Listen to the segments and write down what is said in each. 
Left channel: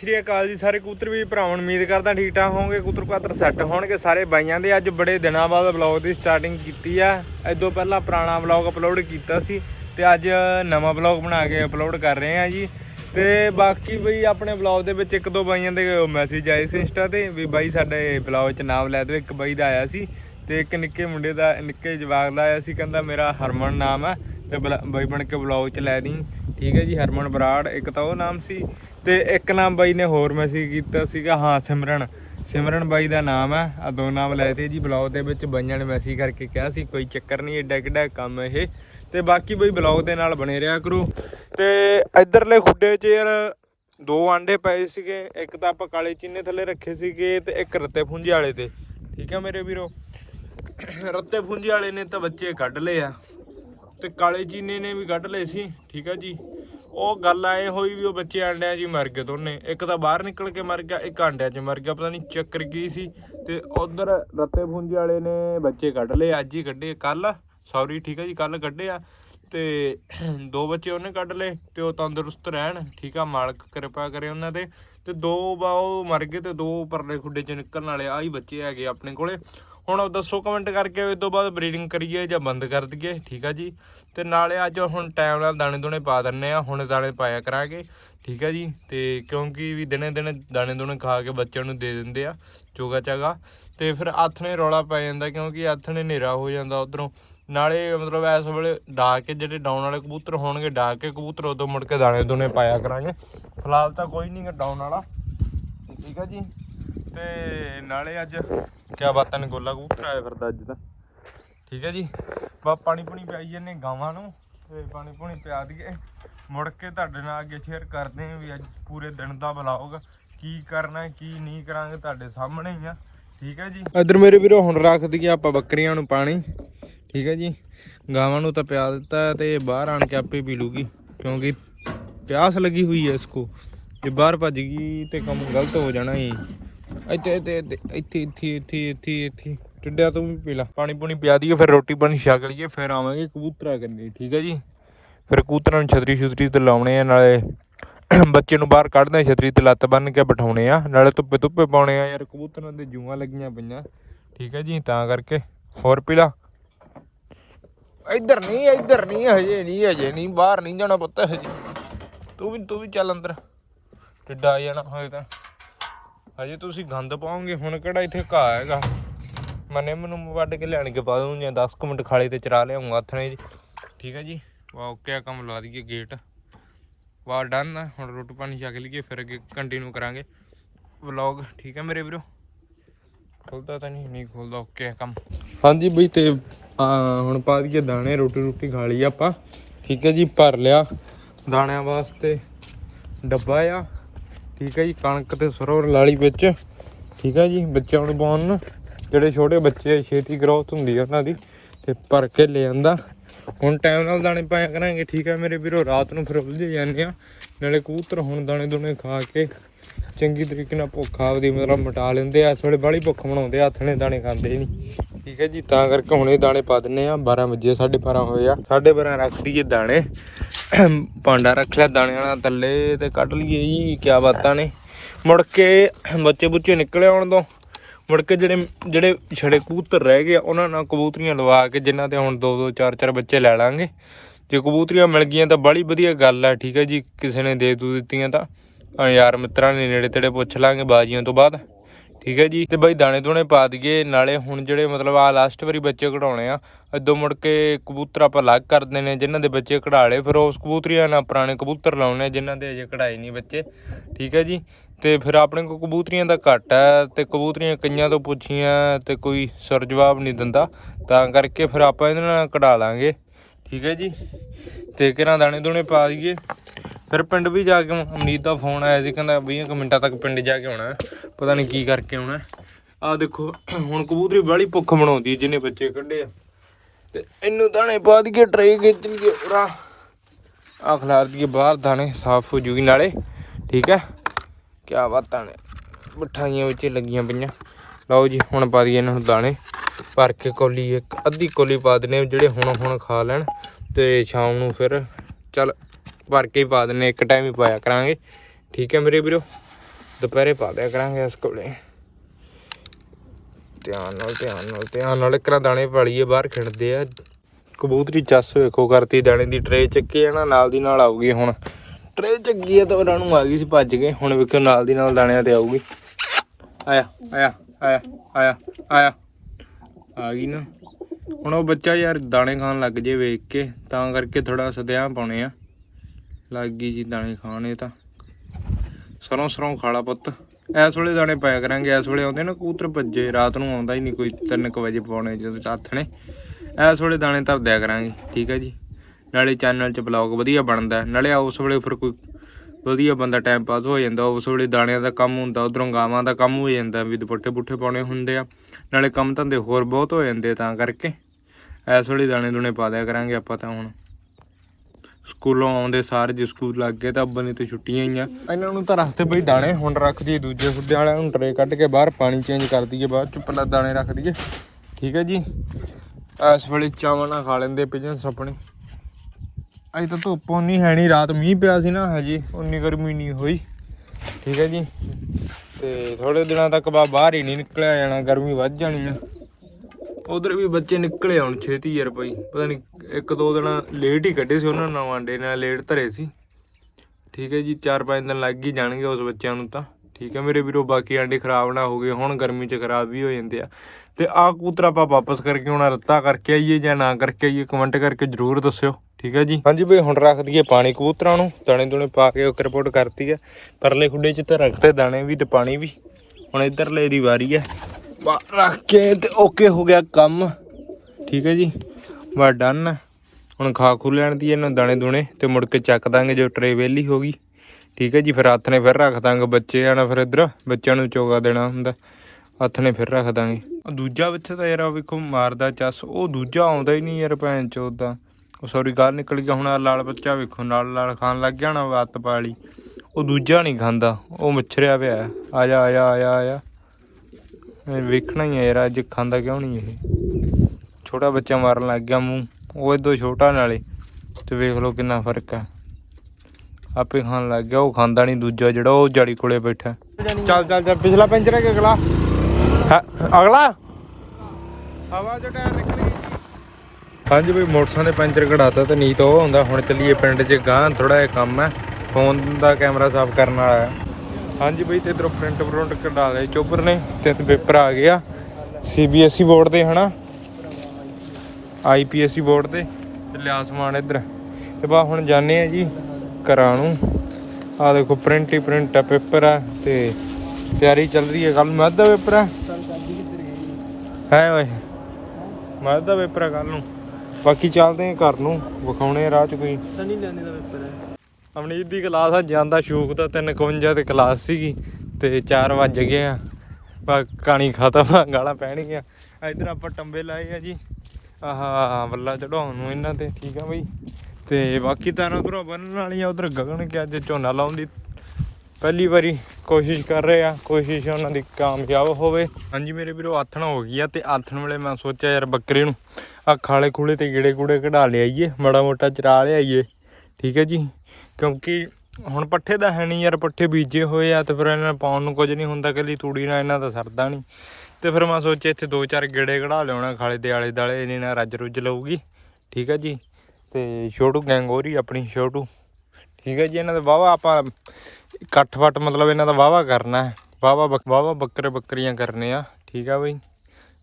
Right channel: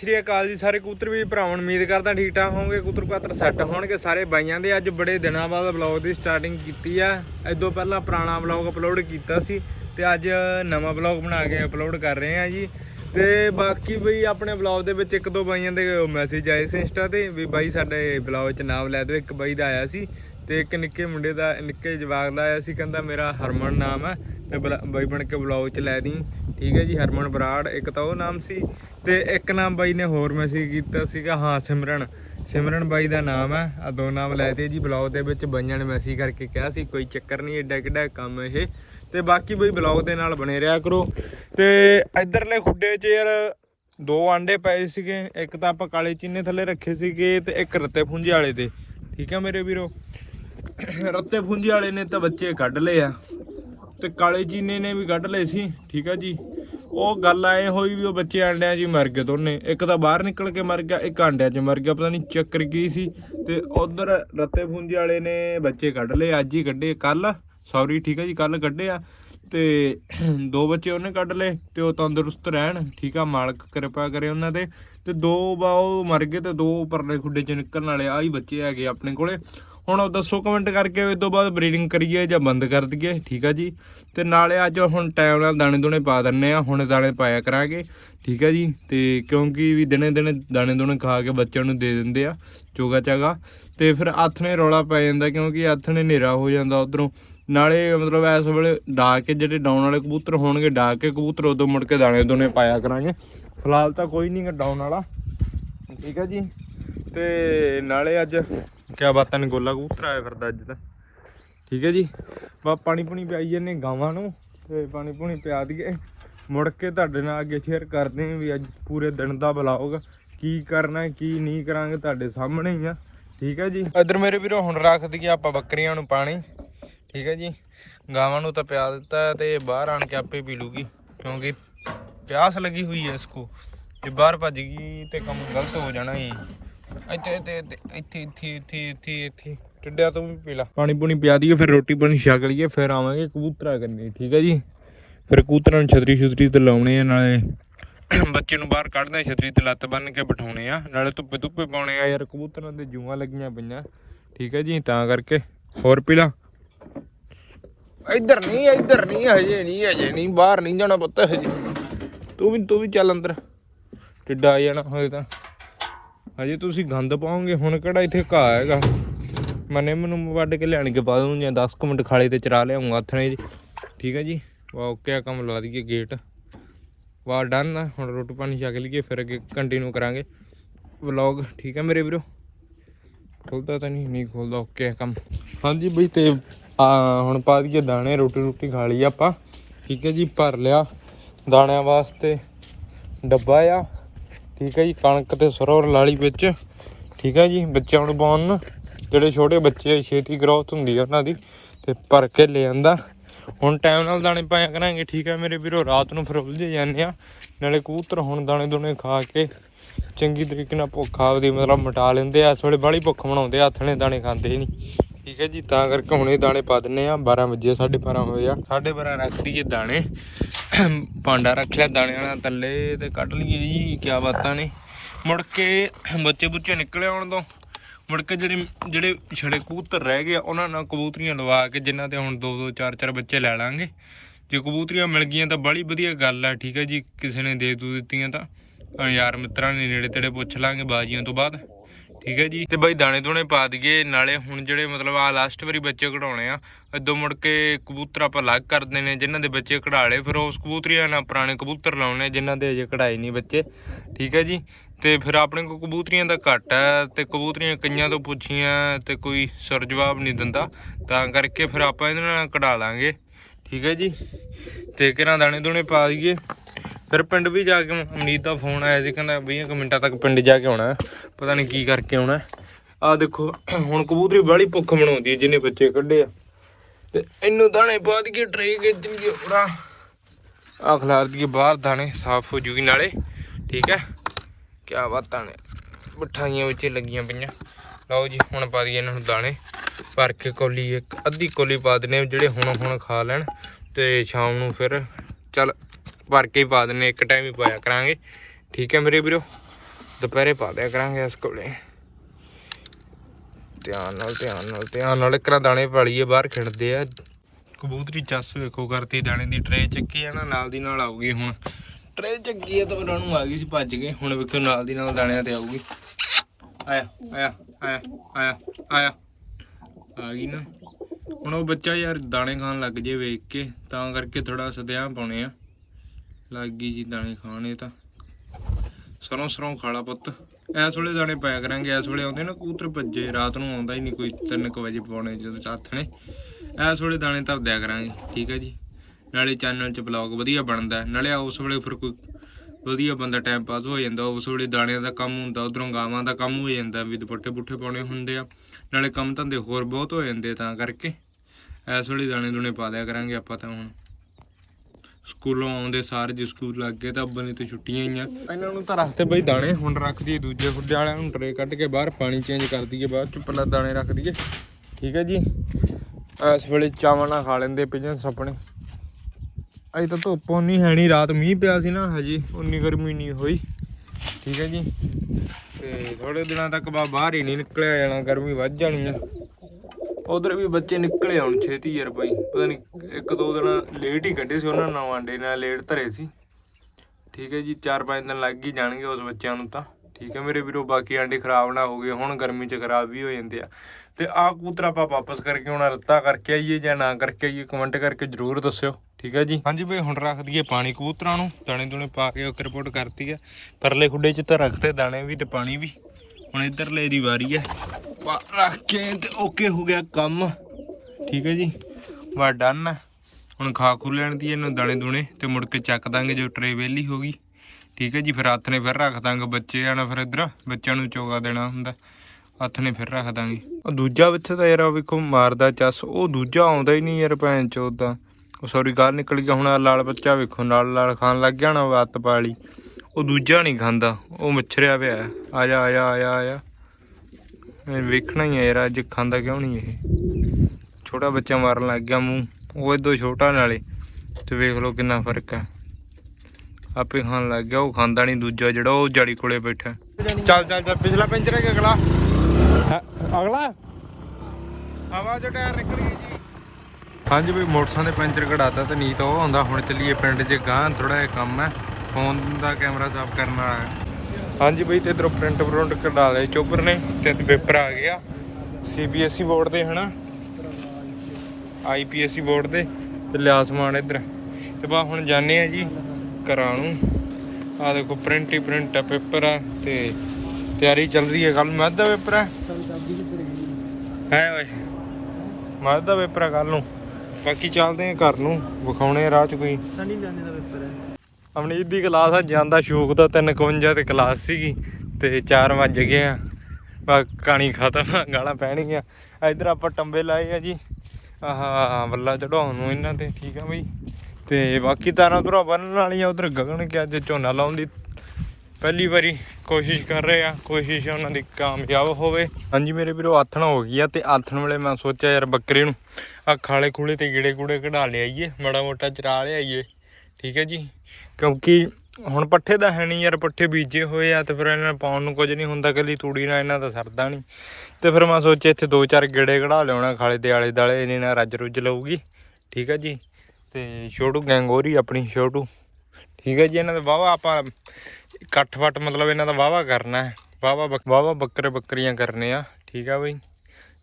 ਸ਼੍ਰੀ ਅਕਾਲ ਜੀ, ਸਾਰੇ ਕਬੂਤਰ ਵੀ ਭਰਾਵਾਂ ਉਮੀਦ ਕਰਦਾ ਠੀਕ ਠਾਕ ਹੋਵੋਗੇ ਕਬੂਤਰ ਕਬੂਤਰ ਸੈੱਟ ਹੋਣਗੇ ਸਾਰੇ ਬਾਈਆਂ ਦੇ। ਅੱਜ ਬੜੇ ਦਿਨਾਂ ਬਾਅਦ ਵਲੌਗ ਦੀ ਸਟਾਰਟਿੰਗ ਕੀਤੀ ਆ। ਇਦੋਂ ਪਹਿਲਾਂ ਪੁਰਾਣਾ ਵਲੌਗ ਅਪਲੋਡ ਕੀਤਾ ਸੀ ਤੇ ਅੱਜ ਨਵਾਂ ਵਲੌਗ ਬਣਾ ਕੇ ਅਪਲੋਡ ਕਰ ਰਹੇ ਆ ਜੀ। ਤੇ ਬਾਕੀ ਬਈ ਆਪਣੇ ਵਲੌਗ ਦੇ ਵਿੱਚ ਇੱਕ ਦੋ ਬਾਈਆਂ ਦੇ ਮੈਸੇਜ ਆਏ ਸੀ ਇੰਸਟਾ ਤੇ ਵੀ ਬਾਈ ਸਾਡੇ ਵਲੌਗ 'ਚ ਨਾਮ ਲੈ ਦਿਓ, ਇੱਕ ਬਾਈ ਦਾ ਆਇਆ ਸੀ ਤੇ ਇੱਕ ਨਿੱਕੇ ਮੁੰਡੇ ਦਾ, ਨਿੱਕੇ ਜਵਾਕ ਦਾ ਆਇਆ ਸੀ, ਕਹਿੰਦਾ ਮੇਰਾ ਹਰਮਨ ਨਾਮ ਹੈ ਤੇ ਬਲਾ- ਬਾਈ ਬਣ ਕੇ ਵਲੌਗ 'ਚ ਲੈ ਦੀ। ਠੀਕ ਹੈ ਜੀ, ਹਰਮਨ ਬਰਾੜ, ਇੱਕ ਤਾਂ ਉਹ ਨਾਮ ਸੀ ਤੇ ਇੱਕ ਨਾਮ ਬਾਈ ਨੇ ਹੋਰ ਮੈਸੇਜ ਕੀਤਾ ਸੀਗਾ, ਹਾਂ, ਸਿਮਰਨ। ਸਿਮਰਨ ਬਾਈ ਦਾ ਨਾਮ ਹੈ ਆ ਦੋ ਨਾਮ ਲਏ ਤੇ ਜੀ, ਬਲੌਗ ਦੇ ਵਿੱਚ ਬਾਈਆਂ ਨੇ ਮੈਸੇਜ ਕਰਕੇ ਕਿਹਾ ਸੀ, ਕੋਈ ਚੱਕਰ ਨਹੀਂ, ਏਡਾ ਕਿੱਡਾ ਕੰਮ ਇਹ। ਤੇ ਬਾਕੀ ਬਈ ਬਲੌਗ ਦੇ ਨਾਲ ਬਣੇ ਰਿਹਾ ਕਰੋ। ਤੇ ਇਧਰਲੇ ਖੁੱਡੇ 'ਚ ਯਾਰ ਦੋ ਆਂਡੇ ਪਏ ਸੀਗੇ, ਇੱਕ ਤਾਂ ਆਪਾਂ ਕਾਲੇ ਚੀਨੇ ਥੱਲੇ ਰੱਖੇ ਸੀਗੇ ਤੇ ਇੱਕ ਰੱਤੇ ਫੁੰਝੇ ਵਾਲੇ ਤੇ। ਠੀਕ ਹੈ ਮੇਰੇ ਵੀਰੋ, ਰੱਤੇ ਫੁੰਝੇ ਵਾਲੇ ਨੇ ਤਾਂ ਬੱਚੇ ਕੱਢ ਲਏ ਆ। ਤੇ ਕਾਲੇ ਚੀਨੇ ਨੇ ਵੀ ਕੱਢ ਲਏ ਸੀ, ਠੀਕ ਆ ਜੀ। ਉਹ ਗੱਲ ਐ ਹੋਈ ਵੀ ਉਹ ਬੱਚੇ ਅੰਡਿਆਂ 'ਚ ਹੀ ਮਰ ਗਏ ਦੋਨੇ। ਇੱਕ ਤਾਂ ਬਾਹਰ ਨਿਕਲ ਕੇ ਮਰ ਗਿਆ, ਇੱਕ ਅੰਡਿਆਂ 'ਚ ਮਰ ਗਿਆ, ਪਤਾ ਨਹੀਂ ਚੱਕਰ ਕੀ ਸੀ। ਤੇ ਉਧਰ ਰੱਤੇ ਪੂੰਜੀ ਵਾਲੇ ਨੇ ਬੱਚੇ ਕੱਢ ਲਏ, ਅੱਜ ਹੀ ਕੱਢੇ ਕੱਲ ਸੌਰੀ ਠੀਕ ਆ ਜੀ ਕੱਲ ਕੱਢੇ ਆ। ਤੇ ਦੋ ਬੱਚੇ ਉਹਨੇ ਕੱਢ ਲਏ ਤੇ ਉਹ ਤੰਦਰੁਸਤ ਰਹਿਣ, ਠੀਕ ਆ, ਮਾਲਕ ਕਿਰਪਾ ਕਰੇ ਉਹਨਾਂ ਦੇ ਤੇ ਦੋ ਬਾ ਮਰ ਗਏ ਤੇ ਦੋ ਪਰਲੇ ਖੁੱਡੇ 'ਚ ਨਿਕਲਣ ਵਾਲੇ ਆ ਹੀ ਬੱਚੇ ਹੈਗੇ ਆਪਣੇ ਕੋਲੇ। ਹੁਣ ਉਹ ਦੱਸੋ ਕਮੈਂਟ ਕਰਕੇ ਇਸ ਤੋਂ ਬਾਅਦ ਬਰੀਡਿੰਗ ਕਰੀਏ ਜਾਂ ਬੰਦ ਕਰ ਦਈਏ, ਠੀਕ ਆ ਜੀ? ਤੇ ਨਾਲੇ ਅੱਜ ਹੁਣ ਟਾਈਮ ਨਾਲ ਦਾਣੇ ਦੋਣੇ ਪਾ ਦਿੰਨੇ ਆ, ਹੁਣ ਦਾਣੇ ਪਾਇਆ ਕਰਾਂਗੇ, ਠੀਕ ਆ ਜੀ? ਤੇ ਕਿਉਂਕਿ ਵੀ ਦਿਨੇ ਦਿਨੇ ਦਾਣੇ ਦੋਣੇ ਖਾ ਕੇ ਬੱਚਿਆਂ ਨੂੰ ਦੇ ਦਿੰਦੇ ਆ, ਚੋਗਾ ਚਾਗਾ। ਤੇ ਫਿਰ ਆਥਣੇ ਰੌਲਾ ਪੈ ਜਾਂਦਾ ਕਿਉਂਕਿ ਆਥਣੇ ਹਨੇਰਾ ਹੋ ਜਾਂਦਾ ਉਧਰੋਂ। ਨਾਲੇ ਮਤਲਬ ਇਸ ਵੇਲੇ ਡਾ ਕੇ ਜਿਹੜੇ ਡਾਉਣ ਵਾਲੇ ਕਬੂਤਰ ਹੋਣਗੇ ਡਾ ਕੇ ਕਬੂਤਰ, ਉਦੋਂ ਮੁੜ ਕੇ ਦਾਣੇ ਦੋਨੇ ਪਾਇਆ ਕਰਾਂਗੇ। ਫਿਲਹਾਲ ਤਾਂ ਕੋਈ ਨਹੀਂ ਡਾਉਣ ਵਾਲਾ, ਠੀਕ ਹੈ ਜੀ? ਤੇ ਨਾਲੇ ਅੱਜ ਕਿਆ ਬਾਤਾਂ ਨੇ ਗੋਲਾ ਕਬੂਤਰ ਆਇਆ ਫਿਰਦਾ ਅੱਜ ਤਾਂ। ਠੀਕ ਹੈ ਜੀ। ਬਾ ਪਾਣੀ ਪੁਣੀ ਪਿਆਈ ਜੰਨੇ ਗਾਵਾਂ ਨੂੰ ਤੇ ਪਾਣੀ ਪੁਣੀ ਪਿਆ ਦਈਏ। ਮੁੜ ਕੇ ਤੁਹਾਡੇ ਨਾਲ ਅੱਗੇ ਸ਼ੇਅਰ ਕਰਦੇ ਹਾਂ ਵੀ ਅੱਜ ਪੂਰੇ ਦਿਨ ਦਾ ਬਲੌਗ ਕੀ ਕਰਨਾ, ਕੀ ਨਹੀਂ ਕਰਾਂਗੇ ਤੁਹਾਡੇ ਸਾਹਮਣੇ ਹੀ ਆ। ਠੀਕ ਹੈ ਜੀ। ਇਧਰ ਮੇਰੇ ਵੀਰੋ ਹੁਣ ਰੱਖ ਦਈਏ ਆਪਾਂ ਬੱਕਰੀਆਂ ਨੂੰ ਪਾਣੀ। ਠੀਕ ਹੈ ਜੀ। ਗਾਵਾਂ ਨੂੰ ਤਾਂ ਪਿਆ ਦਿੱਤਾ ਤੇ ਬਾਹਰ ਆਣ ਕੇ ਆਪੇ ਪੀ ਲੂਗੀ, ਕਿਉਂਕਿ ਪਿਆਸ ਲੱਗੀ ਹੋਈ ਹੈ ਇਸ ਇਸਕੋ ਜੇ ਬਾਹਰ ਭੱਜ ਗਈ ਤੇ ਕੰਮ ਗਲਤ ਹੋ ਜਾਣਾ ਹੀ। ਇੱਥੇ ਇੱਥੇ ਇੱਥੇ ਇੱਥੇ ਇੱਥੇ ਇੱਥੇ ਇੱਥੇ ਟਿੱਡਿਆ ਤੋਂ ਵੀ ਪੀਲਾ ਪਾਣੀ ਪੂਣੀ ਪਿਆ ਦਈਏ, ਫਿਰ ਰੋਟੀ ਪਾਣੀ ਛਕ ਲਈਏ, ਫਿਰ ਆਵਾਂਗੇ ਕਬੂਤਰਾ ਕਰਨੇ ਠੀਕ ਹੈ ਜੀ? ਫਿਰ ਕਬੂਤਰਾਂ ਨੂੰ ਛਤਰੀ ਛੁਤਰੀ ਤੇ ਲਾਉਣੇ ਆ, ਨਾਲੇ ਬੱਚੇ ਨੂੰ ਬਾਹਰ ਕੱਢਦੇ ਛਤਰੀ ਤੇ ਲੱਤ ਬੰਨ ਕੇ ਬਿਠਾਉਣੇ ਆ। ਨਾਲੇ ਧੁੱਪੇ ਧੁੱਪੇ ਪਾਉਣੇ ਆ ਯਾਰ, ਕਬੂਤਰਾਂ ਦੇ ਜੂਆਂ ਲੱਗੀਆਂ ਪਈਆਂ, ਠੀਕ ਹੈ ਜੀ? ਤਾਂ ਕਰਕੇ, ਹੋਰ ਪੀਲਾ ਇੱਧਰ ਨਹੀਂ ਇੱਧਰ ਨਹੀਂ, ਹਜੇ ਨਹੀਂ ਹਜੇ ਨਹੀਂ, ਬਾਹਰ ਨਹੀਂ ਜਾਣਾ ਪੁੱਤ, ਹਜੇ। ਤੂੰ ਵੀ ਤੂੰ ਵੀ ਚੱਲ ਅੰਦਰ। ਟਿੱਡਾ ਆ ਜਾਣਾ ਹੋਏ ਤਾਂ। ਹਜੇ ਤੁਸੀਂ ਗੰਦ ਪਾਓਗੇ? ਹੁਣ ਕਿਹੜਾ ਇੱਥੇ ਘਾਹ ਹੈਗਾ? ਮਨੇ ਮੈਨੂੰ ਵੱਢ ਕੇ ਲਿਆਣ ਕੇ ਪਾ ਦੂੰ ਜਾਂ 10 ਕੁ ਮਿੰਟ ਖਾਲੀ ਤੇ ਚਰਾ ਲਿਆਉਂਗਾ ਆਥਣੇ ਜੀ। ਠੀਕ ਹੈ ਜੀ। ਵਾ ਓਕੇ ਆ ਕੰਮ ਲਾ ਦਈਏ ਗੇਟ ਵਾ ਡਨ ਹੁਣ ਰੋਟੀ ਪਾਣੀ ਛਕ ਲਈਏ ਫਿਰ ਅੱਗੇ ਕੰਟੀਨਿਊ ਕਰਾਂਗੇ। ਵਲੌਗ ਠੀਕ ਹੈ ਮੇਰੇ ਵੀਰੋ? ਖੁੱਲਦਾ ਤਾਂ ਨਹੀਂ ਨਹੀਂ ਖੁੱਲਦਾ। ਓਕੇ ਆ ਕੰਮ। ਹਾਂਜੀ ਬਈ ਤੇ ਹੁਣ ਪਾ ਦਈਏ ਦਾਣੇ। ਰੋਟੀ ਰੋਟੀ ਖਾ ਲਈ ਆਪਾਂ। ਠੀਕ ਹੈ ਜੀ ਭਰ ਲਿਆ। ਦਾਣਿਆਂ ਵਾਸਤੇ ਡੱਬਾ ਆ। ਠੀਕ ਹੈ ਜੀ, ਕਣਕ ਤੇ ਸਰੋਂ ਲਾਲੀ ਵਿੱਚ। ਠੀਕ ਹੈ ਜੀ, ਬੱਚਿਆਂ ਨੂੰ ਪਾਉਣ ਜਿਹੜੇ ਛੋਟੇ ਬੱਚੇ ਆ, ਛੇਤੀ ਗਰੋਥ ਹੁੰਦੀ ਆ ਉਹਨਾਂ ਦੀ, ਤੇ ਭਰ ਕੇ ਲੈ ਆਂਦਾ। ਹੁਣ ਟਾਈਮ ਨਾਲ ਦਾਣੇ ਪਾਇਆ ਕਰਾਂਗੇ, ਠੀਕ ਹੈ ਮੇਰੇ ਵੀਰੋ, ਰਾਤ ਨੂੰ ਫਿਰ ਉਲਝੇ ਜਾਂਦੇ ਆ। ਨਾਲੇ ਕਬੂਤਰ ਹੁਣ ਦਾਣੇ ਦੋਣੇ ਖਾ ਕੇ ਚੰਗੀ ਤਰੀਕੇ ਨਾਲ ਭੁੱਖ ਆਪਦੀ ਮਤਲਬ ਮਿਟਾ ਲੈਂਦੇ ਆ। ਇਸ ਵੇਲੇ ਬੜੀ ਭੁੱਖ ਮਨਾਉਂਦੇ ਆ, ਹੱਥ ਨੇ ਦਾਣੇ ਖਾਂਦੇ ਨਹੀਂ। ਠੀਕ ਹੈ ਜੀ ਤਾਂ ਕਰਕੇ ਹੁਣੇ ਦਾਣੇ ਪਾ ਦਿੰਨੇ ਆ 12 ਵਜੇ 12:30 ਹੋਏ ਆ। 12:30 ਰੱਖ ਦਈਏ ਦਾਣੇ। ਭਾਂਡਾ ਰੱਖ ਲਿਆ ਦਾਣਿਆਂ ਨਾਲ ਥੱਲੇ ਤੇ ਕੱਢ ਲਈਏ ਜੀ ਕਿਆ ਬਾਤਾਂ ਨੇ। ਮੁੜ ਕੇ ਬੱਚੇ ਬੁੱਚੇ ਨਿਕਲੇ ਆਉਣ ਤੋਂ। ਮੁੜ ਕੇ ਜਿਹੜੇ ਜਿਹੜੇ ਛੜੇ ਕਬੂਤਰ ਰਹਿ ਗਏ ਆ, ਉਹਨਾਂ ਨਾਲ ਕਬੂਤਰੀਆਂ ਲਵਾ ਕੇ ਜਿਨ੍ਹਾਂ 'ਤੇ ਹੁਣ 2 2 4 4 ਬੱਚੇ ਲੈ ਲਾਂਗੇ। ਜੇ ਕਬੂਤਰੀਆਂ ਮਿਲ ਗਈਆਂ ਤਾਂ ਬੜੀ ਵਧੀਆ ਗੱਲ ਆ ਠੀਕ ਹੈ ਜੀ। ਕਿਸੇ ਨੇ ਦੇ ਦੂ ਦਿੱਤੀਆਂ ਤਾਂ ਯਾਰ ਮਿੱਤਰਾਂ ਨੇ ਨੇੜੇ ਤੇੜੇ ਪੁੱਛ ਲਾਂਗੇ ਬਾਜੀਆਂ ਤੋਂ ਬਾਅਦ। ਠੀਕ ਹੈ ਜੀ। ਤੇ ਬਾਈ ਦਾਣੇ ਦੋਣੇ ਪਾ ਦਈਏ, ਨਾਲੇ ਹੁਣ ਜਿਹੜੇ ਮਤਲਬ ਆ ਲਾਸਟ ਵਾਰੀ ਬੱਚੇ ਕਢਾਉਣੇ ਆ ਇਦੋਂ ਮੁੜ ਕੇ ਕਬੂਤਰ ਆਪਾਂ ਅਲੱਗ ਕਰਦੇ ਨੇ ਜਿਨ੍ਹਾਂ ਦੇ ਬੱਚੇ ਕਢਾ ਲਏ, ਫਿਰ ਉਸ ਕਬੂਤਰੀਆਂ ਨਾਲ ਪੁਰਾਣੇ ਕਬੂਤਰ ਲਾਉਣੇ, ਜਿਨ੍ਹਾਂ ਦੇ ਅਜੇ ਕਢਾਏ ਨਹੀਂ ਬੱਚੇ। ਠੀਕ ਹੈ ਜੀ। ਤੇ ਫਿਰ ਆਪਣੇ ਕੋਲ ਕਬੂਤਰੀਆਂ ਦਾ ਘੱਟ ਹੈ, ਤੇ ਕਬੂਤਰੀਆਂ ਕਈਆਂ ਤੋਂ ਪੁੱਛੀਆਂ ਤੇ ਕੋਈ ਸਰ ਜਵਾਬ ਨਹੀਂ ਦਿੰਦਾ, ਤਾਂ ਕਰਕੇ ਫਿਰ ਆਪਾਂ ਇਹਨਾਂ ਨਾਲ ਕਢਾ ਲਾਂਗੇ। ਠੀਕ ਹੈ ਜੀ। ਤੇ ਕਿਹਨਾਂ ਦਾਣੇ ਦੋਣੇ ਪਾ ਦਈਏ? ਫਿਰ ਪਿੰਡ ਵੀ ਜਾ ਕੇ ਅਮਨੀਤ ਦਾ ਫੋਨ ਆਇਆ ਸੀ, ਕਹਿੰਦਾ 20 ਕੁ ਮਿੰਟਾਂ ਤੱਕ ਪਿੰਡ ਜਾ ਕੇ ਆਉਣਾ ਪਤਾ ਨਹੀਂ ਕੀ ਕਰਕੇ ਆਉਣਾ ਆ ਦੇਖੋ, ਹੁਣ ਕਬੂਤਰੀ ਬੜੀ ਭੁੱਖ ਬਣਾਉਂਦੀ ਜਿਹਨੇ ਬੱਚੇ ਕੱਢੇ ਆ। ਤੇ ਇਹਨੂੰ ਦਾਣੇ ਪਾ ਦਈਏ ਟਰੇ ਖਿੱਚ ਲਈਏ ਉਰਾ ਆ ਖਲਾਰ ਦਈਏ ਬਾਹਰ ਦਾਣੇ, ਸਾਫ਼ ਹੋ ਜੂਗੀ ਨਾਲੇ। ਠੀਕ ਹੈ? ਕਿਆ ਬਾਤਾਂ ਨੇ ਮਠਾਈਆਂ ਵਿੱਚ ਲੱਗੀਆਂ ਪਈਆਂ। ਲਓ ਜੀ, ਹੁਣ ਪਾ ਦਈਏ ਇਹਨਾਂ ਨੂੰ ਦਾਣੇ। ਭਰ ਕੇ ਕੋਲੀ, ਇੱਕ ਅੱਧੀ ਕੋਲੀ ਪਾ ਦਿੰਨੇ ਜਿਹੜੇ ਹੁਣ ਹੁਣ ਖਾ ਲੈਣ। ਤੇ ਸ਼ਾਮ ਨੂੰ ਫਿਰ ਚੱਲ ਭਰ ਕੇ ਹੀ ਪਾ ਦਿੰਨੇ ਇੱਕ ਟਾਈਮ ਹੀ ਪਾਇਆ ਕਰਾਂਗੇ। ਠੀਕ ਹੈ ਮੇਰੇ ਵੀਰੋ? ਦੁਪਹਿਰੇ ਪਾ ਦਿਆ ਕਰਾਂਗੇ ਇਸ ਕੋਲੇ। ਧਿਆਨ ਨਾਲ ਧਿਆਨ ਨਾਲ ਧਿਆਨ ਨਾਲ, ਇੱਕ ਦਾਣੇ ਪਾਲੀਏ, ਬਾਹਰ ਖਿੰਡਦੇ ਆ। ਕਬੂਤਰੀ ਚੱਸ ਵੇਖੋ ਕਰਤੀ, ਦਾਣੇ ਦੀ ਟਰੇ ਚੱਕੀ ਆ ਨਾ, ਨਾਲ ਦੀ ਨਾਲ ਆਊਗੀ ਹੁਣ। ਟਰੇ ਚੱਕੀ ਆ ਤਾਂ ਉਹਨਾਂ ਨੂੰ ਆ ਗਈ ਸੀ, ਭੱਜ ਗਏ। ਹੁਣ ਵੇਖੋ ਨਾਲ ਦੀ ਨਾਲ ਦਾਣਿਆਂ ਤੇ ਆਊਗੀ। ਆਇਆ ਆਇਆ ਆਇਆ ਆਇਆ ਆਇਆ। ਆ ਗਈ ਨਾ। ਹੁਣ ਉਹ ਬੱਚਾ ਯਾਰ ਦਾਣੇ ਖਾਣ ਲੱਗ ਜੇ ਵੇਖ ਕੇ, ਤਾਂ ਕਰਕੇ ਥੋੜਾ ਸਦਿਆਂ ਪਾਉਣੇ ਆ। ਲੱਗ ਗਈ ਜੀ ਦਾਣੇ ਖਾਣੇ ਤਾਂ। ਸਰੋਂ ਸਰੋਂ ਖਾਲਾ ਪੁੱਤ। ਐਸ ਵੇਲੇ ਦਾਣੇ ਪਾਇਆ ਕਰਾਂਗੇ ਐਸ ਵੇਲੇ ਆਉਂਦੇ ਨਾ ਕਬੂਤਰ ਭੱਜੇ, ਰਾਤ ਨੂੰ ਆਉਂਦਾ ਹੀ ਨਹੀਂ ਕੋਈ 3:00 ਵਜੇ ਪਾਉਣੇ ਜਦੋਂ ਚਾਥਣੇ ਐਸ ਵੇਲੇ ਦਾਣੇ ਧਰ ਦਿਆ ਕਰਾਂਗੇ, ਠੀਕ ਹੈ ਜੀ। ਨਾਲੇ ਚੈਨਲ 'ਚ ਬਲੌਗ ਵਧੀਆ ਬਣਦਾ, ਨਾਲੇ ਉਸ ਵੇਲੇ ਫਿਰ ਕੋਈ ਵਧੀਆ ਬੰਦਾ ਟਾਈਮ ਪਾਸ ਹੋ ਜਾਂਦਾ, ਉਸ ਵੇਲੇ ਦਾਣਿਆਂ ਦਾ ਕੰਮ ਹੁੰਦਾ, ਉਧਰੋਂ ਗਾਵਾਂ ਦਾ ਕੰਮ ਹੋ ਜਾਂਦਾ, ਵੀ ਦੁਪੱਟੇ ਪੁੱਠੇ ਪਾਉਣੇ ਹੁੰਦੇ ਆ। ਨਾਲੇ ਕੰਮ ਧੰਦੇ ਹੋਰ ਬਹੁਤ ਹੋ ਜਾਂਦੇ ਤਾਂ ਕਰਕੇ ਐਸ ਵੇਲੇ ਦਾਣੇ ਦੁਣੇ ਪਾ ਦਿਆ ਕਰਾਂਗੇ ਆਪਾਂ ਤਾਂ ਹੁਣ। ਸਕੂਲੋਂ ਆਉਂਦੇ ਸਾਰੇ ਜੇ ਸਕੂਲ ਲੱਗ ਗਏ ਤਾਂ ਅੱਬਾ ਨੇ ਤੇ ਛੁੱਟੀਆਂ ਹੀ ਆ ਇਹਨਾਂ ਨੂੰ ਤਾਂ ਰੱਖਤੇ ਬਈ ਦਾਣੇ ਹੁਣ ਰੱਖ ਦਈਏ ਦੂਜੇ ਖੁੱਡੇ ਵਾਲਿਆਂ ਨੂੰ, ਟਰੇ ਕੱਢ ਕੇ ਬਾਹਰ ਪਾਣੀ ਚੇਂਜ ਕਰ ਦਈਏ ਬਾਅਦ ਚ ਪਹਿਲਾਂ ਦਾਣੇ ਰੱਖ ਦਈਏ। ਠੀਕ ਹੈ ਜੀ? ਇਸ ਵੇਲੇ ਚਾਵਲ ਨਾਲ ਖਾ ਲੈਂਦੇ ਪਿਜਨਸ ਆਪਣੇ ਅਜੇ ਤਾਂ ਧੁੱਪ ਉਨੀ ਹੈ ਨਹੀਂ ਰਾਤ ਮੀਂਹ ਪਿਆ ਸੀ ਨਾ, ਹਜੀ ਉਨੀ ਗਰਮੀ ਨਹੀਂ ਹੋਈ। ਠੀਕ ਹੈ ਜੀ? ਤੇ ਥੋੜੇ ਦਿਨਾਂ ਤੱਕ ਬਾ ਬਾਹਰ ਹੀ ਨਹੀਂ ਨਿਕਲਿਆ ਜਾਣਾ, ਗਰਮੀ ਵੱਧ ਜਾਣੀ ਆ। ਉਧਰ ਵੀ ਬੱਚੇ ਨਿਕਲੇ ਹੁਣ ਛੇਤੀ ਯਾਰ ਬਾਈ। ਪਤਾ ਨਹੀਂ ਇੱਕ ਦੋ ਦਿਨ ਲੇਟ ਹੀ ਕੱਢੇ ਸੀ ਉਹਨਾਂ ਨੂੰ ਆਂਡੇ ਨਾਲ ਲੇਟ ਧਰੇ ਸੀ। ਠੀਕ ਹੈ ਜੀ 4-5 ਦਿਨ ਲੱਗ ਹੀ ਜਾਣਗੇ ਉਸ ਬੱਚਿਆਂ ਨੂੰ ਤਾਂ। ਠੀਕ ਹੈ ਮੇਰੇ ਵੀਰੋ, ਬਾਕੀ ਆਂਡੇ ਖਰਾਬ ਨਾ ਹੋ ਗਏ, ਹੁਣ ਗਰਮੀ 'ਚ ਖਰਾਬ ਵੀ ਹੋ ਜਾਂਦੇ ਆ। ਤੇ ਆਹ ਕਬੂਤਰ ਆਪਾਂ ਵਾਪਸ ਕਰਕੇ ਹੁਣ ਰੱਤਾ ਕਰਕੇ ਆਈਏ ਜਾਂ ਨਾ ਕਰਕੇ ਆਈਏ ਕਮੈਂਟ ਕਰਕੇ ਜਰੂਰ ਦੱਸਿਓ। ਠੀਕ ਹੈ ਜੀ? ਹਾਂਜੀ ਬਈ, ਹੁਣ ਰੱਖ ਦਈਏ ਪਾਣੀ ਕਬੂਤਰਾਂ ਨੂੰ। ਦਾਣੇ ਦੁਣੇ ਪਾ ਕੇ ਇੱਕ ਰਿਪੋਰਟ ਕਰਤੀ ਹੈ। ਪਰਲੇ ਖੁੱਡੇ 'ਚ ਤਾਂ ਰੱਖਦੇ ਦਾਣੇ ਵੀ ਤੇ ਪਾਣੀ ਵੀ। ਹੁਣ ਇੱਧਰਲੇ ਦੀ ਵਾਰੀ ਹੈ। ਰੱਖ ਕੇ ਤੇ ਓਕੇ ਹੋ ਗਿਆ ਕੰਮ। ਠੀਕ ਹੈ ਜੀ ਬਸ ਡਨ ਹੁਣ ਖਾ ਖੂ ਲੈਣ ਦੀ ਇਹਨਾਂ ਦਾਣੇ ਦੂਣੇ, ਤੇ ਮੁੜ ਕੇ ਚੱਕ ਦਾਂਗੇ ਜੋ ਟਰੇ ਵਿਹਲੀ ਹੋ ਗਈ। ਠੀਕ ਹੈ ਜੀ, ਫਿਰ ਹੱਥ ਨੇ ਫਿਰ ਰੱਖ ਦਾਂਗੇ ਬੱਚੇ ਆਣਾ ਫਿਰ ਇੱਧਰ, ਬੱਚਿਆਂ ਨੂੰ ਚੋਗਾ ਦੇਣਾ ਹੁੰਦਾ। ਹੱਥ ਨੇ ਫਿਰ ਰੱਖ ਦਾਂਗੇ। ਉਹ ਦੂਜਾ ਬੱਚਾ ਤਾਂ ਯਾਰ ਉਹ ਵੇਖੋ, ਮਾਰਦਾ ਚੱਸ। ਉਹ ਦੂਜਾ ਆਉਂਦਾ ਹੀ ਨਹੀਂ ਯਾਰ ਭੈਣ ਚੋਦ ਦਾ। ਉਹ ਸੌਰੀ ਗਾਲ ਨਿਕਲ ਗਿਆ, ਹੁਣ ਲਾਲ ਬੱਚਾ ਵੇਖੋ, ਨਾਲ ਲਾਲ ਖਾਣ ਲੱਗ ਗਿਆ ਨਾ, ਉਹ ਅੱਤ ਪਾਲੀ। ਉਹ ਦੂਜਾ ਨਹੀਂ ਖਾਂਦਾ, ਉਹ ਮੱਛਰਿਆ ਪਿਆ। ਹੈ। ਆ ਜਾ ਆ ਜਾ ਆ ਜਾ। ਵੇਖਣਾ ਹੀ ਹੈ ਯਾਰ ਅੱਜ ਖਾਂਦਾ ਕਿਉਂ ਨਹੀਂ ਇਹ? ਛੋਟਾ ਬੱਚਾ ਮਾਰਨ ਲੱਗ ਗਿਆ ਮੂੰਹ। ਉਹ ਇਦੋਂ ਛੋਟਾ ਨਾਲੇ ਤੇ ਵੇਖ ਲਓ ਕਿੰਨਾ ਫ਼ਰਕ ਹੈ ਆਪੇ ਖਾਣ ਲੱਗ ਗਿਆ ਉਹ ਖਾਂਦਾ ਨਹੀਂ ਦੂਜਾ ਜਿਹੜਾ ਉਹ ਜਾੜੀ ਕੋਲੇ ਬੈਠਾ। ਚੱਲ ਚੱਲ ਚੱਲ ਪਿਛਲਾ ਪੈਂਚਰ ਹੈ ਕਿ ਅਗਲਾ? ਹੈ, ਅਗਲਾ? ਹਵਾ ਜੋ ਟਾਇਰ ਨਿਕਲ। ਗਈ ਹਾਂਜੀ ਬਈ ਮੋਟਰਸਾਈਕਲ ਦੇ ਪੈਂਚਰ ਕਢਾਤਾ ਤੇ ਨਹੀਂ ਤਾਂ ਉਹ ਹੁੰਦਾ ਹੁਣ ਚੱਲੀਏ ਪਿੰਡ 'ਚ ਗਾਂ ਥੋੜਾ ਜਿਹਾ ਕੰਮ ਹੈ ਫੋਨ ਦਾ ਕੈਮਰਾ ਸਾਫ਼ ਕਰਨ ਵਾਲਾ ਹੈ ਹਾਂਜੀ ਬਈ, ਤੇ ਇਧਰੋਂ ਪ੍ਰਿੰਟ ਪ੍ਰਿੰਟ ਕਢਾ ਲਏ ਚੋਬਰ ਨੇ ਤਿੰਨ ਪੇਪਰ ਆ ਗਏ ਆ। ਸੀਬੀਐਸਈ ਬੋਰਡ ਦੇ, ਹਨਾ? ਆਈਪੀਐਸਸੀ ਬੋਰਡ ਦੇ, ਤੇ ਲਿਆ ਸਮਾਨ ਇੱਧਰ। ਤੇ ਬਾ ਹੁਣ ਜਾਣੇ ਆ ਜੀ ਘਰਾਂ ਨੂੰ। ਆ ਦੇਖੋ ਪ੍ਰਿੰਟ ਹੀ ਪ੍ਰਿੰਟ ਆ ਪੇਪਰ ਆ, ਤੇ ਤਿਆਰੀ ਚੱਲ ਰਹੀ ਹੈ ਕੱਲ ਮੱਧ ਦਾ ਪੇਪਰ ਆ? ਹੈ ਓਏ? ਮੱਧ ਦਾ ਪੇਪਰ ਆ ਕੱਲ ਨੂੰ। ਬਾਕੀ ਚੱਲਦੇ ਆ ਘਰ ਨੂੰ, ਵਿਖਾਉਣੇ ਆ ਰਾਹ ਚ ਕੋਈ। ਸਨੀ ਲੈਣੇ ਦਾ ਪੇਪਰ ਹੈ ਅਮਨੀਤ ਦੀ ਕਲਾਸ ਆ ਜਾਂਦਾ ਸ਼ੂਕ ਤਾਂ 351 ਤੇ ਕਲਾਸ ਸੀਗੀ ਤੇ 4 ਵੱਜ ਗਏ ਆ। ਬਾ ਕਹਾਣੀ ਖਤਮ ਆ ਗਾਲਾਂ ਪੈਣਗੀਆਂ। ਇਧਰ ਆਪਾਂ ਟੰਬੇ ਲਾਏ ਆ ਜੀ। ਆਹ ਬੱਲਾ ਚੜਾਉਣ ਨੂੰ ਇਹਨਾਂ ਤੇ, ਠੀਕ ਆ ਬਈ। ਤੇ ਬਾਕੀ ਤਾਰਾਂ ਤੁਰਾਂ ਬੰਨਣ ਵਾਲੀ ਆ ਉਧਰ ਗਗਨ ਕਿ ਅੱਜ ਝੋਨਾ ਲਾਉਣ ਦੀ ਪਹਿਲੀ ਵਾਰੀ ਕੋਸ਼ਿਸ਼ ਕਰ ਰਹੇ ਆ। ਕੋਸ਼ਿਸ਼ ਉਹਨਾਂ ਦੀ ਕਾਮਯਾਬ ਹੋਵੇ। ਹਾਂਜੀ ਮੇਰੇ ਵੀਰੋ, ਆਥਣ ਹੋ ਗਈ ਆ ਤੇ ਆਥਣ ਵੇਲੇ ਮੈਂ ਸੋਚਿਆ ਯਾਰ ਬੱਕਰੇ ਨੂੰ ਆ ਖਾਲੇ ਖੂਲੇ ਤੇ ਗੇੜੇ ਗੂੜੇ ਕਢਾ ਲਿਆਈਏ, ਮਾੜਾ ਮੋਟਾ ਚਰਾ ਲਿਆਈਏ। ਠੀਕ ਹੈ ਜੀ। ਕਿਉਂਕਿ ਹੁਣ ਪੱਠੇ ਤਾਂ ਹੈ ਨਹੀਂ ਯਾਰ, ਪੱਠੇ ਬੀਜੇ ਹੋਏ ਆ ਤੇ ਫਿਰ ਇਹਨਾਂ ਨੂੰ ਪਾਉਣ ਨੂੰ ਕੁਝ ਨਹੀਂ ਹੁੰਦਾ ਕੱਲੀ ਤੂੜੀ ਨਾਲ ਇਹਨਾਂ ਦਾ ਸਰਦਾ ਨਹੀਂ। ਤੇ ਫਿਰ ਮੈਂ ਸੋਚਿਆ ਇੱਥੇ ਦੋ ਚਾਰ ਗੇੜੇ ਕਢਾ ਲਿਆਉਣਾ, ਖਾਲੇ ਦੇ ਆਲੇ ਦਾਲੇ ਇਹਨੇ ਨਾਲ ਰੱਜ ਰੁੱਜ ਲਊਗੀ। ਠੀਕ ਹੈ ਜੀ? ਤੇ ਛੋਟੂ ਗੈਂਗੋਰੀ, ਆਪਣੀ ਛੋਟੂ। ਠੀਕ ਹੈ ਜੀ, ਇਹਨਾਂ ਦਾ ਵਾਵਾ ਆਪਾਂ ਇਕੱਠ ਵੱਟ ਮਤਲਬ ਇਹਨਾਂ ਦਾ ਵਾਵਾ ਕਰਨਾ ਹੈ। ਵਾਵਾ ਵਾਵਾ ਬੱਕਰੇ ਬੱਕਰੀਆਂ ਕਰਨੇ ਆ। ਠੀਕ ਆ ਬਈ?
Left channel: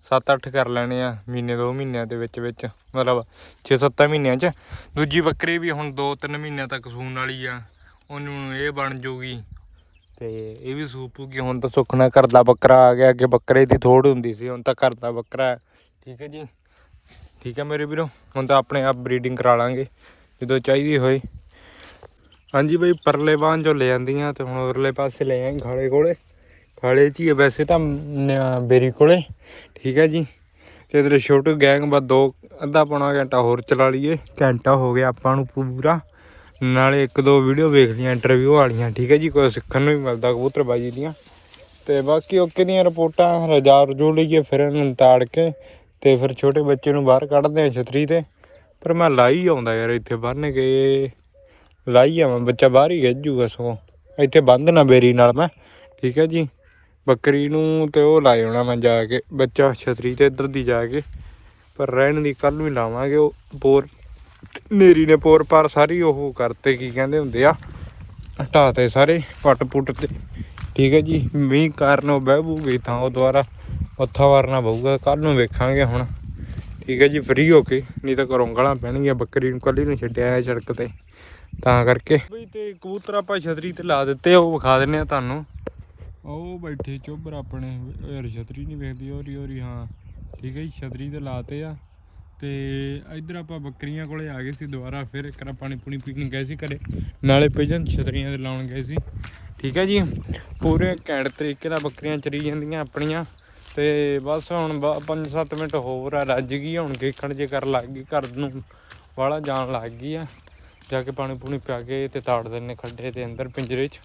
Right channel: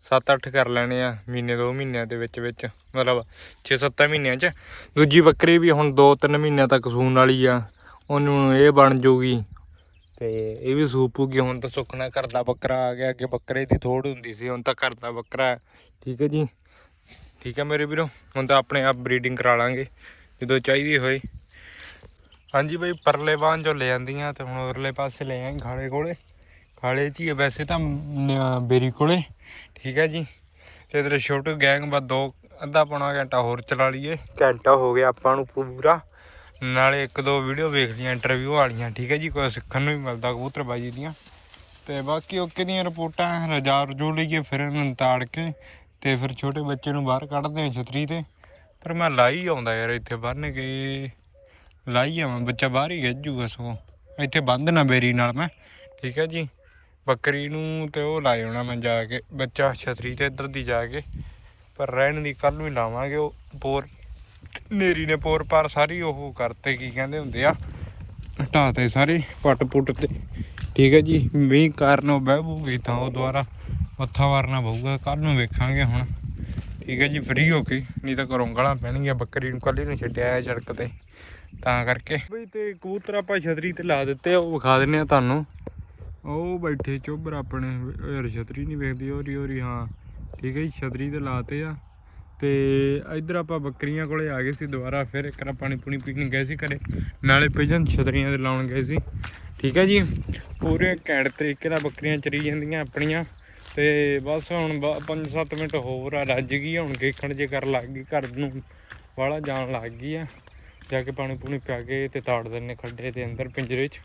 7-8 ਕਰ ਲੈਣੇ ਆ ਮਹੀਨੇ, ਦੋ ਮਹੀਨਿਆਂ ਦੇ ਵਿੱਚ ਵਿੱਚ। ਮਤਲਬ 6-7 ਮਹੀਨਿਆਂ ਚ। ਦੂਜੀ ਬੱਕਰੀ ਵੀ ਹੁਣ 2-3 ਮਹੀਨਿਆਂ ਤੱਕ ਸੂਣ ਵਾਲੀ ਆ। ਉਹਨੂੰ ਇਹ ਬਣ ਜੂਗੀ। ਤੇ ਇਹ ਵੀ ਸੂਪੂਗੀ ਹੁਣ ਤਾਂ ਸੁੱਖ ਨਾਲ ਘਰ ਦਾ ਬੱਕਰਾ ਆ ਗਿਆ। ਅੱਗੇ ਬੱਕਰੇ ਦੀ ਥੋੜ ਹੁੰਦੀ ਸੀ, ਹੁਣ ਤਾਂ ਘਰ ਦਾ ਬੱਕਰਾ। ਠੀਕ ਹੈ ਜੀ? ਠੀਕ ਹੈ ਮੇਰੇ ਵੀਰੋ? ਹੁਣ ਤਾਂ ਆਪਣੇ ਆਪ ਬਰੀਡਿੰਗ ਕਰਾ ਲਾਂਗੇ, ਜਦੋਂ ਚਾਹੀਦੀ ਹੋਈ ਹਾਂਜੀ ਬਈ, ਪਰਲੇ ਬਾਂਹ ਜੋ ਲੈ ਜਾਂਦੀਆਂ ਤੇ ਹੁਣ ਉਰਲੇ ਪਾਸੇ ਲੈ ਆਏ ਖਾਲੇ ਕੋਲੇ। ਖਾਲੇ 'ਚ ਹੀ ਆ ਵੈਸੇ ਤਾਂ ਨਿਆ- ਬੇਰੀ ਕੋਲੇ। ਠੀਕ ਹੈ ਜੀ। ਤੇ ਇਧਰ ਛੋਟੂ ਗੈਂਗ ਬਸ ਦੋ, ਅੱਧਾ ਪੌਣਾ ਘੰਟਾ ਹੋਰ ਚਲਾ ਲਈਏ। ਘੰਟਾ ਹੋ ਗਿਆ ਆਪਾਂ ਨੂੰ ਪੂਰਾ। ਨਾਲੇ ਇੱਕ ਦੋ ਵੀਡੀਓ ਵੇਖਦੀਆਂ ਇੰਟਰਵਿਊ ਵਾਲੀਆਂ, ਠੀਕ ਹੈ ਜੀ। ਕੋਈ ਸਿੱਖਣ ਨੂੰ ਵੀ ਮਿਲਦਾ ਕਬੂਤਰਬਾਜੀ ਦੀਆਂ। ਤੇ ਬਾਕੀ ਓਕੇ ਦੀਆਂ ਰਿਪੋਰਟਾਂ ਰਜਾ ਰਜੂ ਲਈਏ ਫਿਰ ਇਹਨਾਂ ਨੂੰ ਤਾੜ ਕੇ ਤੇ ਫਿਰ ਛੋਟੇ ਬੱਚੇ ਨੂੰ ਬਾਹਰ ਕੱਢਦੇ ਆ ਛਤਰੀ ਤੇ। ਪਰ ਮੈਂ ਲਾਈ ਆਉਂਦਾ ਯਾਰ, ਇੱਥੇ ਬੰਨ ਕੇ। ਲਾਈ ਆਵਾਂ, ਬੱਚਾ ਬਾਹਰ ਹੀ ਗੱਜੂਗਾ ਸਗੋਂ। ਇੱਥੇ ਬੰਦ ਨਾ ਬੇਰੀ ਨਾਲ ਮੈਂ, ਠੀਕ ਹੈ ਜੀ। ਬੱਕਰੀ ਨੂੰ ਤੇ ਉਹ ਲਾਏ ਹੋਣਾ ਮੈਂ ਜਾ ਕੇ ਬੱਚਾ ਛਤਰੀ ਤੇ ਇੱਧਰ ਦੀ ਜਾ ਕੇ। ਪਰ ਰਹਿਣ ਦੀ ਕੱਲ ਨੂੰ ਹੀ ਲਾਵਾਂਗੇ ਉਹ ਪੋਰ। ਨੇਰੀ ਨੇ ਪੋਰ ਪਰ ਸਾਰੀ ਉਹ ਕਰਤੇ, ਕੀ ਕਹਿੰਦੇ ਹੁੰਦੇ ਆ? ਹਟਾਤੇ ਸਾਰੇ ਪੱਟ ਪੁੱਟ ਤੇ। ਠੀਕ ਹੈ ਜੀ, ਮੀਂਹ ਕਾਰਨ ਉਹ ਬਹਿ ਬੂਗੀ ਤਾਂ ਉਹ ਦੁਬਾਰਾ ਮੱਥਾ ਵਾਰਨਾ ਪਊਗਾ ਕੱਲ ਨੂੰ ਵੇਖਾਂਗੇ ਹੁਣ। ਠੀਕ ਹੈ ਜੀ ਫ੍ਰੀ ਹੋ ਕੇ, ਨਹੀਂ ਤਾਂ ਘਰੋਂ ਗਾਲਾਂ ਪੈਣਗੀਆਂ, ਬੱਕਰੀ ਨੂੰ ਕੱਲੀ ਨੂੰ ਛੱਡਿਆ ਹੈ ਸੜਕ ਤੇ। ਤਾਂ ਕਰਕੇ। ਬਈ ਤੇ ਕਬੂਤਰ ਆਪਾਂ ਛਤਰੀ ਤੇ ਲਾ ਦਿੱਤੇ, ਉਹ ਵਿਖਾ ਦਿੰਨੇ ਆ ਤੁਹਾਨੂੰ। ਉਹ ਬੈਠੇ ਚੋਬਰ ਆਪਣੇ, ਯਾਰ ਛਤਰੀ ਨਹੀਂ ਵੇਖਦੀ ਹੋਰੀ ਹੋਰੀ ਹਾਂ। ਠੀਕ ਹੈ ਜੀ, ਛਤਰੀ ਤੇ ਲਾਤੇ ਆ। ਤੇ ਇੱਧਰ ਆਪਾਂ ਬੱਕਰੀਆਂ ਕੋਲੇ ਆ ਗਏ ਸੀ ਦੁਬਾਰਾ, ਫਿਰ ਇੱਕ ਵਾਰ ਪਾਣੀ ਪੂਣੀ ਪੀਣ ਗਏ ਸੀ ਘਰੇ। ਨਾਲੇ ਪਿਜਨ ਛਤਰੀਆਂ ਤੇ ਲਾਉਣ ਗਏ ਸੀ। ਠੀਕ ਹੈ ਜੀ, ਪੂਰੇ ਘੈਂਟ ਤਰੀਕੇ ਨਾਲ ਬੱਕਰੀਆਂ ਚਰੀ ਜਾਂਦੀਆਂ ਆਪਣੀਆਂ। ਤੇ ਬਸ ਹੁਣ 5-7 ਮਿੰਟ ਹੋਰ ਆ, ਰੱਜ ਗਈ ਹੁਣ ਦੇਖਣ ਜੇ ਕਰ ਲੱਗ ਗਈ, ਘਰ ਨੂੰ ਵਾਲਾ ਜਾਣ ਲੱਗ ਗਈ ਆ। ਜਾ ਕੇ ਪਾਣੀ ਪੂਣੀ ਪਿਆ ਕੇ ਤੇ ਤਾੜ ਦਿੰਨੇ ਖੱਡੇ ਦੇ ਅੰਦਰ, ਪਿੰਜਰੇ 'ਚ।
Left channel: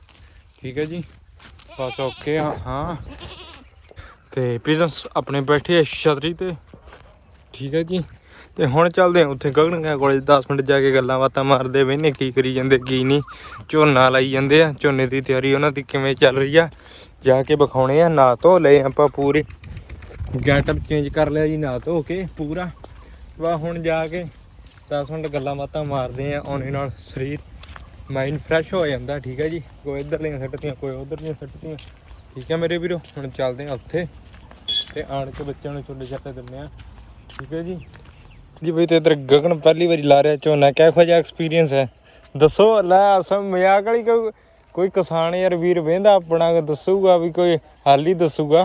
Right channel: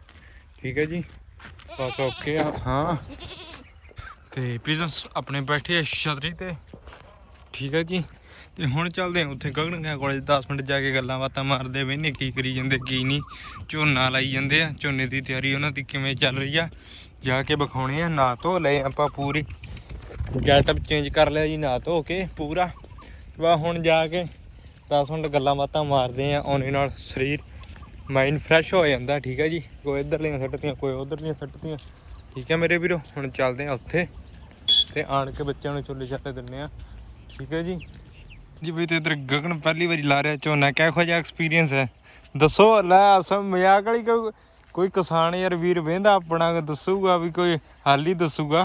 ਠੀਕ ਹੈ ਜੀ। ਬਸ ਓਕੇ ਹਾਂ। ਤੇ ਪਿਜਨਸ ਆਪਣੇ ਬੈਠੇ ਆ ਛਤਰੀ ਤੇ। ਠੀਕ ਹੈ ਜੀ। ਤੇ ਹੁਣ ਚੱਲਦੇ ਆ ਉੱਥੇ ਗਗਨਗਾ ਕੋਲੇ। 10 ਮਿੰਟ ਜਾ ਕੇ ਗੱਲਾਂ ਬਾਤਾਂ ਮਾਰਦੇ ਵੇਨੇ ਕੀ ਕਰੀ ਜਾਂਦੇ, ਕੀ ਨਹੀਂ। ਝੋਨਾ ਲਾਈ ਜਾਂਦੇ ਆ। ਝੋਨੇ ਦੀ ਤਿਆਰੀ ਉਹਨਾਂ ਦੀ ਕਿਵੇਂ ਚੱਲ ਰਹੀ ਆ। ਜਾ ਕੇ ਵਿਖਾਉਣੇ ਆ ਨਾ ਧੋ ਲਏ ਆਪਾਂ ਪੂਰੇ। ਗੈਟਅਪ ਚੇਂਜ ਕਰ ਲਿਆ ਜੀ ਨਾ ਧੋ ਕੇ ਪੂਰਾ। ਵਾ ਹੁਣ ਜਾ ਕੇ 10 ਮਿੰਟ ਗੱਲਾਂ ਬਾਤਾਂ ਮਾਰਦੇ ਆ, ਉਹਨੇ ਨਾਲ ਸਰੀਰ ਮਾਈਂਡ ਫਰੈਸ਼ ਹੋ ਜਾਂਦਾ ਠੀਕ ਹੈ ਜੀ? ਕੋਈ ਇੱਧਰਲੀਆਂ ਸੱਟਤੀਆਂ ਕੋਈ ਉਧਰਲੀਆਂ ਸੱਟਤੀਆਂ। ਠੀਕ ਹੈ ਮੇਰੇ ਵੀਰੋ ਹੁਣ ਚੱਲਦੇ ਆ ਉੱਥੇ। ਤੇ ਆਣ ਕੇ ਬੱਚਿਆਂ ਨੂੰ ਛੋਲੇ ਛਾਲੇ ਦਿੰਨੇ ਆ। ਠੀਕ ਹੈ ਜੀ? ਜੀ ਬਈ ਤੇ ਇਧਰ ਗਗਨ ਪਹਿਲੀ ਵਾਰੀ ਲਾ ਰਿਹਾ ਝੋਨਾ ਕਿਹੋ ਜਿਹਾ ਐਕਸਪੀਰੀਅੰਸ ਹੈ? ਦੱਸੋ ਲੈ ਅਸਮ ਮਜ਼ਾਕ ਵਾਲੀ ਕੋਈ ਕਿਸਾਨ ਯਾਰ ਵੀਰ ਵੇਂਦਾ ਆਪਣਾ ਦੱਸੂਗਾ ਵੀ ਕੋਈ ਹੱਲ ਹੀ ਦੱਸੂਗਾ।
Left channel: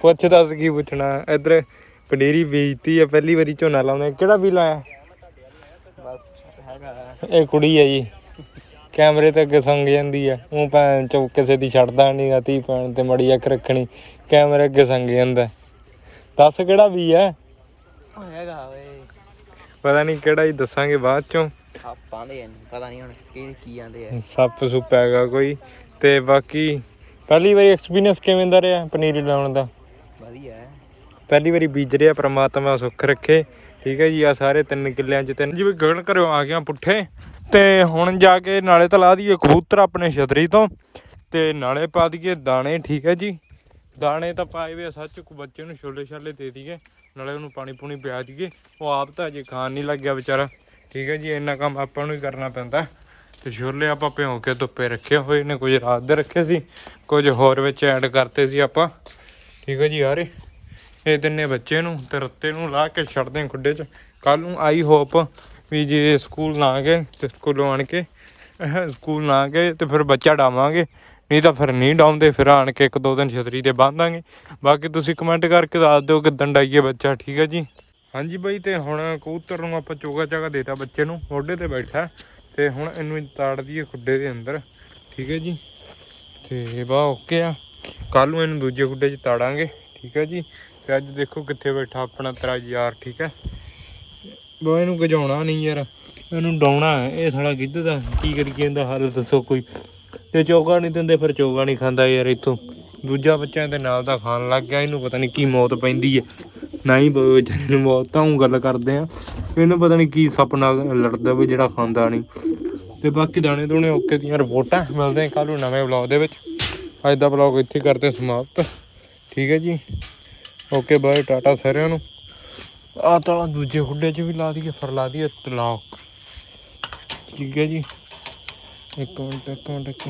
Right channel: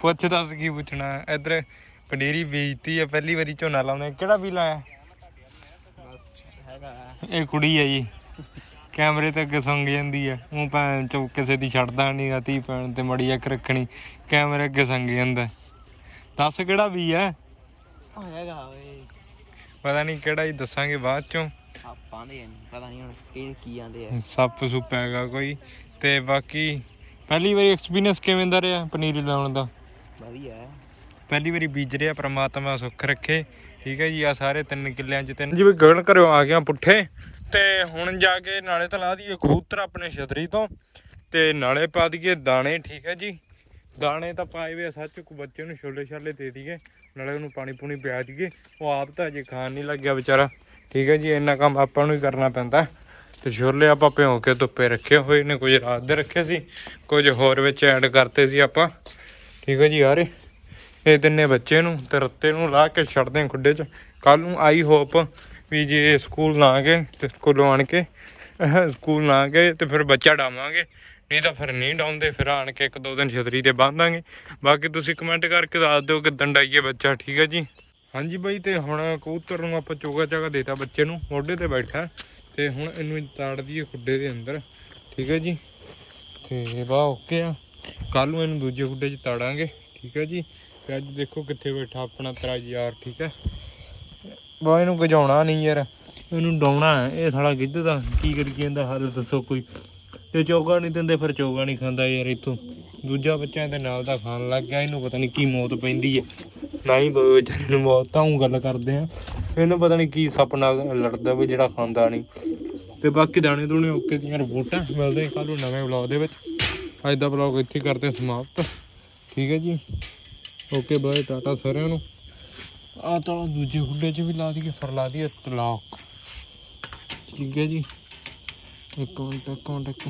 ਪੁੱਛ ਦੱਸ ਕੀ ਪੁੱਛਣਾ। ਇਧਰ ਪਨੀਰੀ ਬੀਜਤੀ ਆ ਪਹਿਲੀ ਵਾਰੀ ਝੋਨਾ ਲਾਉਂਦੇ ਕਿਹੜਾ ਵੀ ਲਾਇਆ? ਬਸ ਇਹ ਕੁੜੀ ਆ ਜੀ। ਕੈਮਰੇ ਤੇ ਅੱਗੇ ਸੰਗ ਜਾਂਦੀ ਆ। ਉਹ ਭੈਣ ਚੋ ਕਿਸੇ ਦੀ ਛੱਡਦਾ ਨਹੀਂ ਧੀ ਭੈਣ ਤੇ ਮੜੀ ਅੱਖ ਰੱਖਣੀ ਕੈਮਰੇ ਅੱਗੇ ਸੰਗ ਜਾਂਦਾ। ਦੱਸ ਕਿਹੜਾ ਵੀ ਆ? ਹੈਗਾ ਵੇ। ਪਤਾ ਨਹੀਂ ਕਿਹੜਾ ਹੀ ਦੱਸਾਂਗੇ ਬਾਅਦ ਚੋਂ। ਸਾਪਾਂ ਦੇ ਨਹੀਂ ਪਤਾ ਨਹੀਂ ਹੁਣ ਕੀ ਕੀ ਆਂਦੇ ਆ। ਸੱਪ ਸੁੱਪ ਹੈਗਾ ਕੋਈ। ਤੇ ਬਾਕੀ ਪਹਿਲੀ ਵਾਰੀ ਐਕਸਪੀਰੀਅੰਸ ਕਿਵੇਂ ਦਾ ਰਿਹਾ ਪਨੀਰੀ ਲਾਉਣ ਦਾ? ਵਧੀਆ ਹੈ। ਪਹਿਲੀ ਵਾਰੀ ਬੀਜ ਰਿਹਾ ਪ੍ਰਮਾਤਮਾ ਸੁੱਖ ਰੱਖੇ। ਠੀਕ ਹੈ ਜੀ ਆ ਸਾਰੇ ਤਿੰਨ ਕਿੱਲਿਆਂ 'ਚ ਤਿੰਨ ਜਿਵੇਂ ਗਗਨ ਘਰੋਂ ਆ ਗਿਆ ਪੁੱਠੇ ਤੇ ਹੁਣ ਜਾ ਕੇ ਨਾਲੇ ਤਾਂ ਲਾ ਦਈਏ ਕਬੂਤਰ ਆਪਣੇ ਛਤਰੀ ਤੋਂ। ਤੇ ਨਾਲੇ ਪਾ ਦਈਏ ਦਾਣੇ, ਠੀਕ ਹੈ ਜੀ। ਦਾਣੇ ਤਾਂ ਪਾਏ ਵੇ ਸੱਚ ਕੋ ਬੱਚੇ ਨੂੰ ਛੋਲੇ ਛਾਲੇ ਦੇ ਦਈਏ, ਨਾਲੇ ਉਹਨੂੰ ਪਾਣੀ ਪੂਣੀ ਪਿਆ ਦਈਏ। ਉਹ ਆਪ ਤਾਂ ਅਜੇ ਖਾਣ ਨਹੀਂ ਲੱਗਿਆ ਵਿਚਾਰਾ, ਠੀਕ ਹੈ ਜੀ, ਇੰਨਾ ਕੰਮ ਆਪਾਂ ਨੂੰ ਹੀ ਕਰਨਾ ਪੈਂਦਾ। ਤੇ ਛੋਲੇ ਆਪਾਂ ਭਿਉਂ ਕੇ ਧੁੱਪੇ ਰੱਖੇ ਹੋਏ ਨੇ, ਕੁਝ ਰਾਤ ਦੇ ਰੱਖੇ ਸੀ, ਕੁਝ ਹੋਰ ਵਿੱਚ ਐਡ ਕਰਤੇ ਸੀ ਆਪਾਂ, ਠੀਕ ਹੈ ਜੀ ਯਾਰੇ ਇਹ ਤਿੰਨੇ ਬੱਚੇ ਨੂੰ ਤੇ ਰੱਤੇ ਨੂੰ ਲਾ ਕੇ ਛੱਡਦੇ ਖੁੱਡੇ 'ਚ। ਕੱਲ ਨੂੰ ਆਈ ਹੋਪ ਵੀ ਜੇ ਸਕੂਲ ਨਾ ਗਏ ਤੇ ਸਕੂਲੋਂ ਆਣ ਕੇ ਸਕੂਲ ਨਾ ਗਏ ਤੇ ਫਿਰ ਬੱਚਾ ਡਾਵਾਂਗੇ। ਨਹੀਂ ਤਾਂ ਫਿਰ ਨਹੀਂ ਡਾਉਂਦੇ, ਫਿਰ ਆਣ ਕੇ ਇੱਕ ਦੋ ਦਿਨ ਛਤਰੀ ਤੇ ਬੰਨਾਂਗੇ ਬਾਕੀ ਤੁਸੀਂ ਕਮੈਂਟ ਕਰਕੇ ਦੱਸ ਦਿਓ ਕਿਦਾਂ ਡਾਈਏ ਬੱਚਾ, ਠੀਕ ਹੈ ਜੀ? ਹਾਂਜੀ ਬਾਈ, ਤੇ ਹੁਣ ਕਬੂਤਰ ਨੂੰ ਆਪਾਂ ਚੋਗਾ ਚਾਗਾ ਦੇਤਾ ਬੱਚੇ ਨੂੰ। ਮੋਢੇ ਤੇ ਬੈਠਾ ਤੇ ਹੁਣ ਇਹਨੂੰ ਤਾੜ ਦਈਏ ਖੁੱਡੇ ਦੇ ਅੰਦਰ। ਠੀਕ ਹੈ ਜੀ? ਤੇ ਬਾ ਓਕੇ ਆ। ਕੱਲ ਨੂੰ ਇਹਨੂੰ ਦੂਜੇ ਖੁੱਡੇ 'ਚ ਤਾੜਾਂਗੇ। ਠੀਕ ਹੈ ਜੀ? ਤੇ ਅੱਜ ਦੇਖੋ ਕਿੱਥੇ ਬੈਠਾ ਆਪਣਾ ਤੇਰਾ ਯਾਰ, ਠੀਕ ਹੈ? ਬਾ, ਇਹਨੂੰ ਗਜਾਉਣਾ ਨਹੀਂ ਯਾਰ। ਇਹਨੂੰ ਡਾਉਣਾ ਇਹ ਸਾਲਾ ਗਿੱਧ ਦਾ ਕੀ ਕਰੀ ਜਾਂਦਾ, ਹੱਲ ਦੱਸੋ ਕੋਈ। ਤੇ ਚੋਗਾ ਨਹੀਂ ਦਿੰਦੇ, ਫਿਰ ਚੋਗਾ ਨਹੀਂ ਖਾਂਦਾ ਯਾਰ ਇੱਥੋਂ। ਦੂਜਾ ਬੱਚਾ ਇਹਦੇ ਨਾਲ ਦਾ ਖਾਣ ਲੱਗ ਗਿਆ, ਇਹਨੂੰ ਪਤਾ ਨਹੀਂ ਕੀ ਮੌਤ ਪੈਂਦੀ ਹੈ। ਨਹੀਂ ਬਈ ਮੌਤ ਤਾਂ ਉਹ ਗੱਲ ਕਰਦੇ ਆ। ਇਹਨੂੰ ਪਤਾ ਨਹੀਂ ਕੀ ਸੱਪ ਨਾਲ ਲੜਦਾ ਵੀ ਜਿਹੜਾ ਖਾਂਦਾ ਨਹੀਂ। ਤੇ ਬਾਕੀ ਦਾਣੇ ਦੂਣੇ ਓਕੇ ਦੀਆਂ ਰਿਪੋਰਟਾਂ ਮਿਲਦੇ ਕੱਲ ਨੂੰ ਨਵੇਂ ਵਲੌਗ ਦੇ ਵਿੱਚ। ਅੱਜ ਦਾ ਵਲੌਗ ਇੱਥੇ ਕਰਦੇ ਸਮਾਪਤ। ਠੀਕ ਹੈ ਜੀ। ਓਕੇ, ਬਾਏ, ਟਾਟਾ ਸਾਰਿਆਂ ਨੂੰ। ਆ ਤਾਂ ਦੂਜੇ ਖੁੱਡੇ 'ਚ ਵੀ ਲਾ ਦਈਏ, ਫਿਰ ਲਾ ਦਈਏ ਤਲਾਕ ਠੀਕ ਹੈ ਜੀ। ਇੱਕ ਮਿੰਟ ਇੱਕ ਮਿੰਟ, ਇੱਕ